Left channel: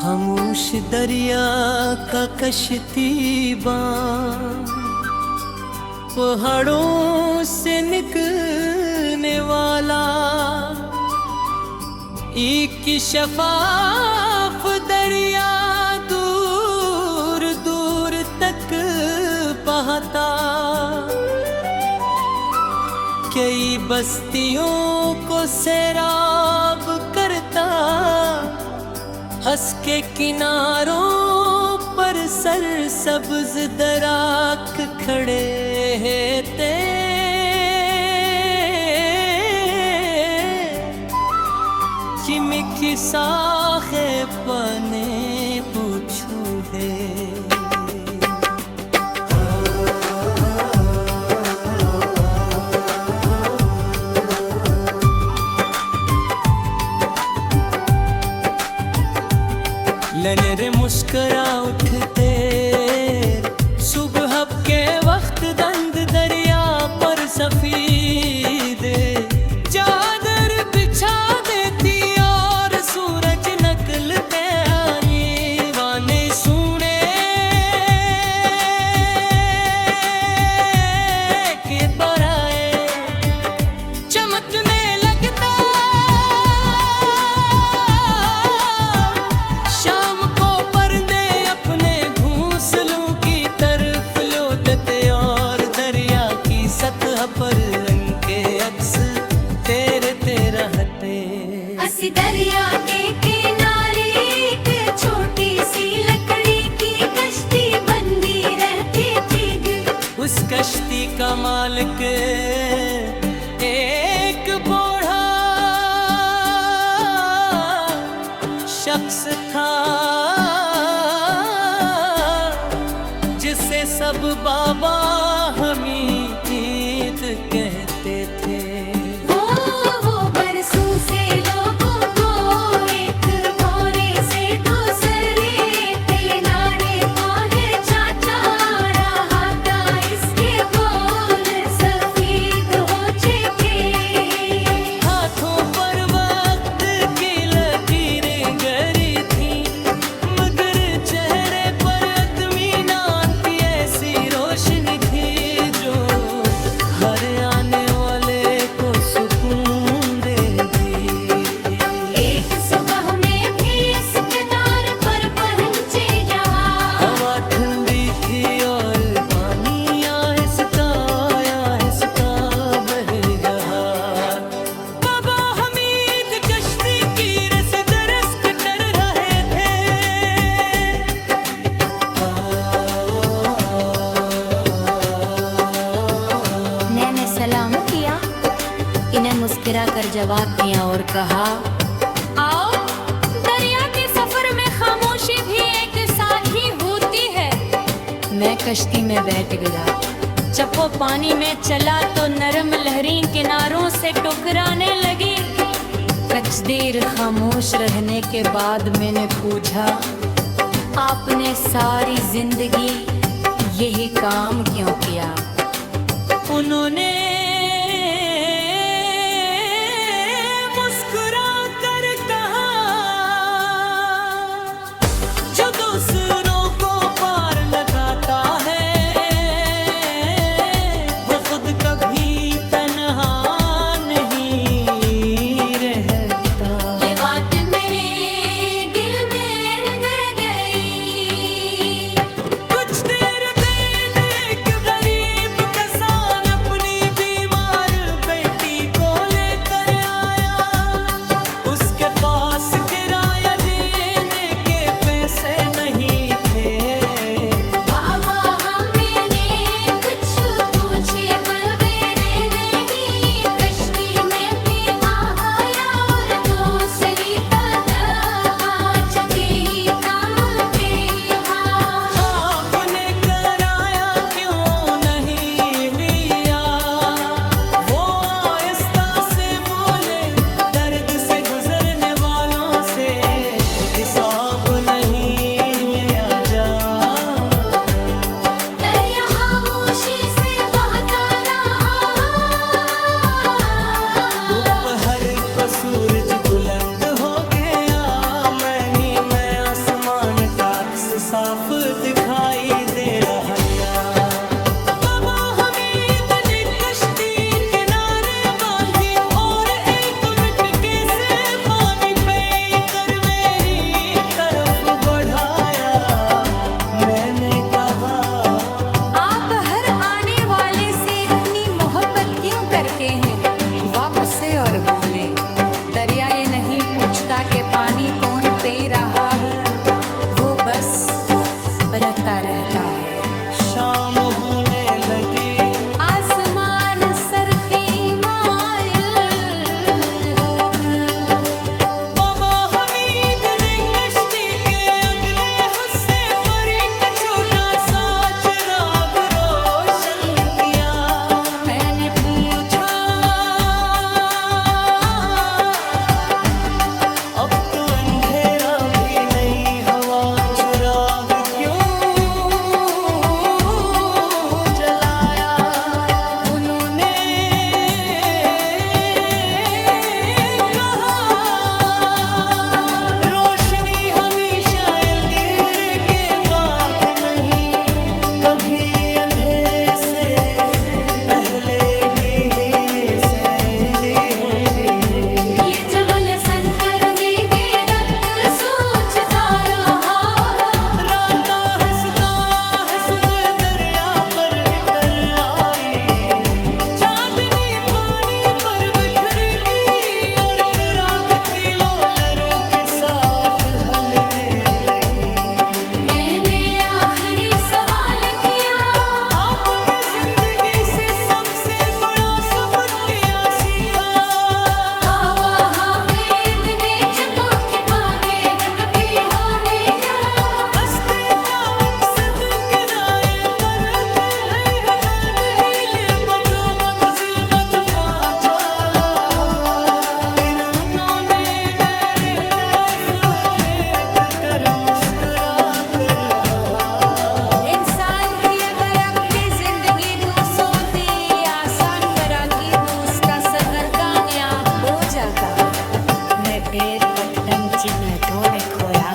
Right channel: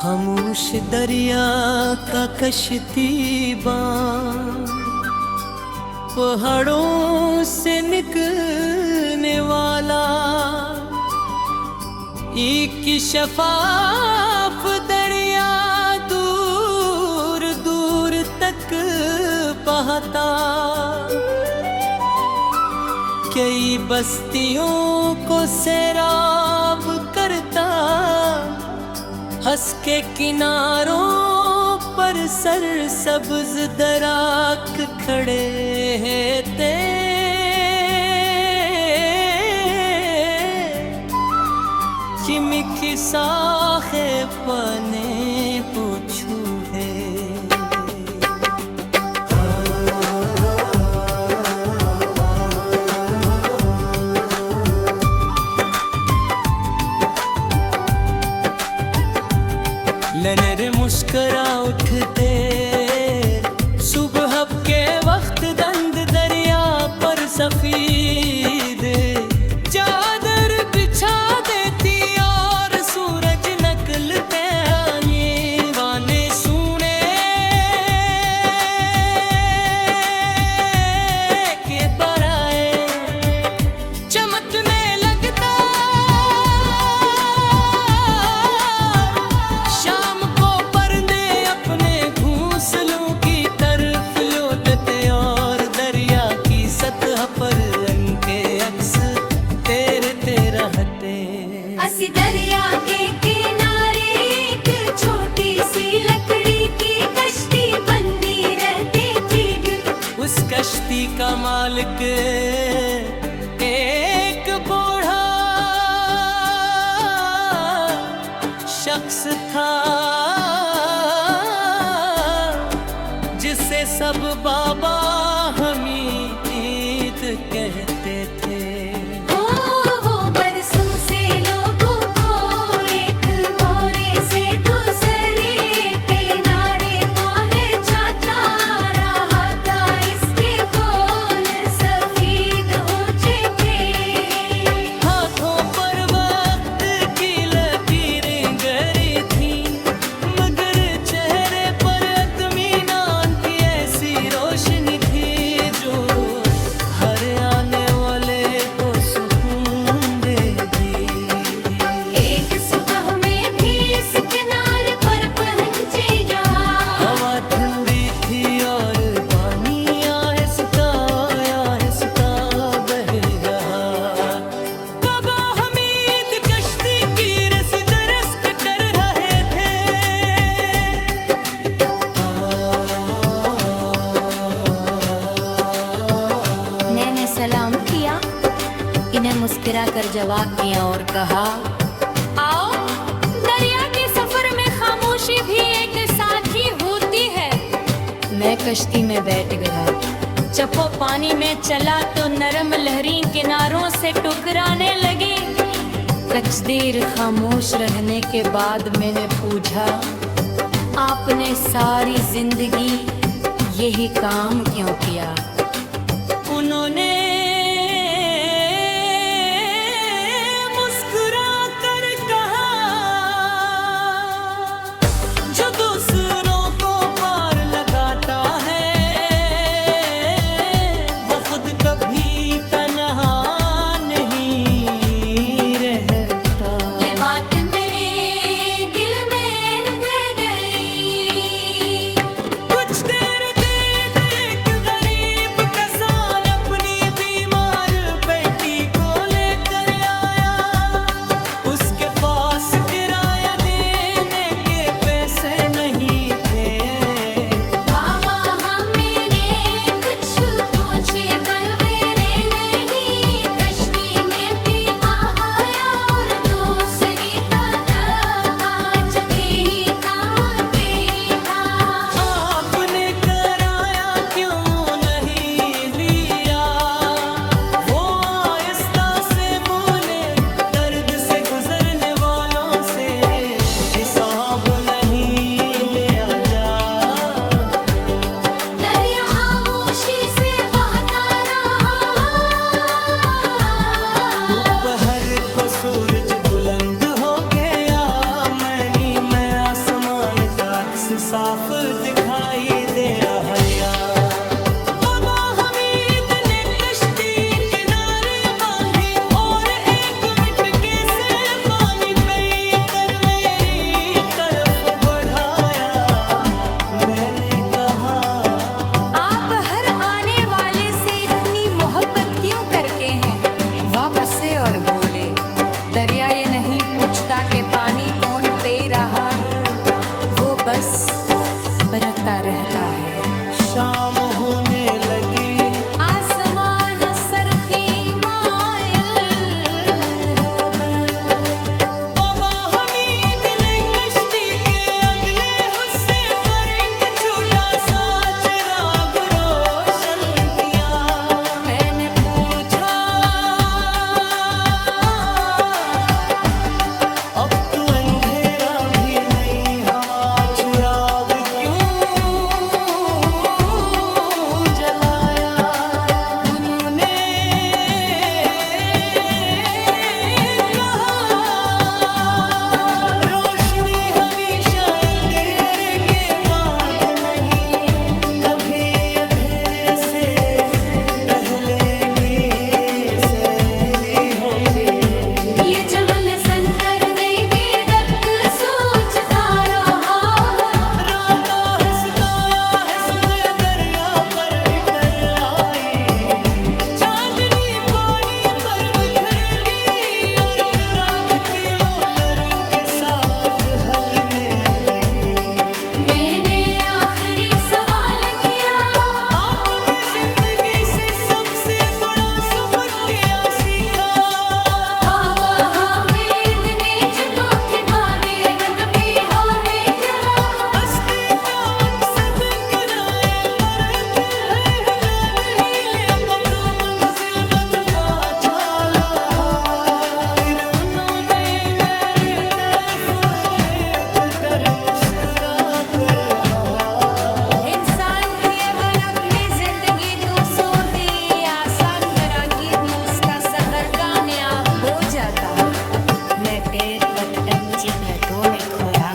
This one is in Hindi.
खामोश दरिया का कश्तीबान, पहाड़ों से निकलने वाला एक शफाफ दरिया दूर दूर तक बहता। कई बस्तियों को सैराब करता, हंस के किनारों पर सरसब्ज दराख खड़े थे। चिमकी साखे पने पूछू है। लनरे मुस्करा उठते सुबह के वक्त दंद दरिया पर सफेद चादर बिछा देती और सूरज निकलते आने वाने सुने के पराए चमकने लगता। शाम को परंदे अपने घोंसलों की तरफ लौटते और दरिया की सतह पर रंग के अक्स तेरते रहते। असी दरिया के किनारे एक छोटी सी लकड़ी की कश्ती बंदी रहती थी। उस कश्ती का मालिक एक बूढ़ा शख्स था, जिसे सब बाबा हमीद कहते थे। वो बरसों से लोगों को एक भोरे से दूसरे किनारे पहुंचाता रहा था। इसके बोल सफेद हो चुके, हाथों पर वक्त की लकीरें गरी थी, मगर चेहरे पर इत्मीनान की ऐसी रोशनी थी जो हर आने वाले को सुकून देगी। एक सुबह में भी इस किनारे पर पहुंचे यहाँ। हवा ठंडी थी और पानी आहिस्ता बह रहा। बाबा हमीद कश्ती की रस दरस कर रहे थे। मैंने सलाम किया, इन्हें मुस्कुरा कर जवाब दिया और कहा, आओ, दरिया के सफर में खामोशी भी एक साथी होती है। मैं कश्ती में बैठ गया, चप्पो पानी में चला तो नरम लहरें किनारों से टकराने लगी। कुछ देर खामोश रहने के बाद मैंने पूछा, आपने सारी जिंदगी यही काम क्यों किया? उन्होंने मुस्कुरा कर कहा, जो दूसरों को पार लगाता है वो खुद कभी तन्हा नहीं रहता। ये बात मेरे दिल में रह गई। कुछ देर बाद एक गरीब किसान अपनी बीमार बेटी को लेकर आया। उसके पास किराया देने के पैसे नहीं थे। बाबा हमने कुछ पूछे पर मेरे नहीं। कश्ती में भी आया और दूसरी तरफ आज भी काम पे था। आपने किराया क्यों नहीं लिया? वो आहिस्ता से बोले, दर्द से गुजरने वालों से हिसाब नहीं लिया जाता। दरिया खामोशी से बहता रहा। दोपहर को सूरज बुलंद हो गया, मैं आसमान साफ दिखाई दे रहा यार। बाबा हमीद ने कश्ती किनारे बांधी और 1 मिनट से पानी पे कर मेरी तरफ बढ़ाया। मैंने कहा आप हर आने वाले से इतनी मोहब्बत क्यों करते हैं? वापस से और बोले, दरिया ये नहीं पूछता कि पानी कौन पी रहा है, वो बस बरसता रहता है। शाम होने लगी, आसमान सरखी माइल हो गए। बाबा हमीद ने कश्ती के अगले हिस्से पर एक छोटा सा चिराग रोशन किया। मैंने पूछा, अब तो अंधेरा भी नहीं, हवा चिराग क्यों जलाया? उन्होंने कहा, रोशनी हमेशा अंधेरे के बाद नहीं, कभी अंधेरे से पहले भी सैरी होती है। ये जमल संकर में गिरत सोचता रहा। राता हंसताया हंसते दरिया पर इतर आई। चांदनी पानी पर बिखर गई और चिराग की लोलरों के साथ हलने लगी। मैंने आखिरी सवाल किया, आपने जिंदगी से सबसे बड़ा सबक क्या सीखा? बाबा हामिद ने जब के बागे बन भी होने जरा। हंसते का मकसद किराए पर है नद हिले बतो मंजिल पत पा चला। फिर उन्होंने मेरी तरफ देख कर मुस्कुरा कर कहा, इंसान की अगर अपनी जिंदगी दूसरों दी आसान बरा की दूस का सफर कामयाब हो जाता। मैं पेड़ पट्टन की भेंटों में खोया।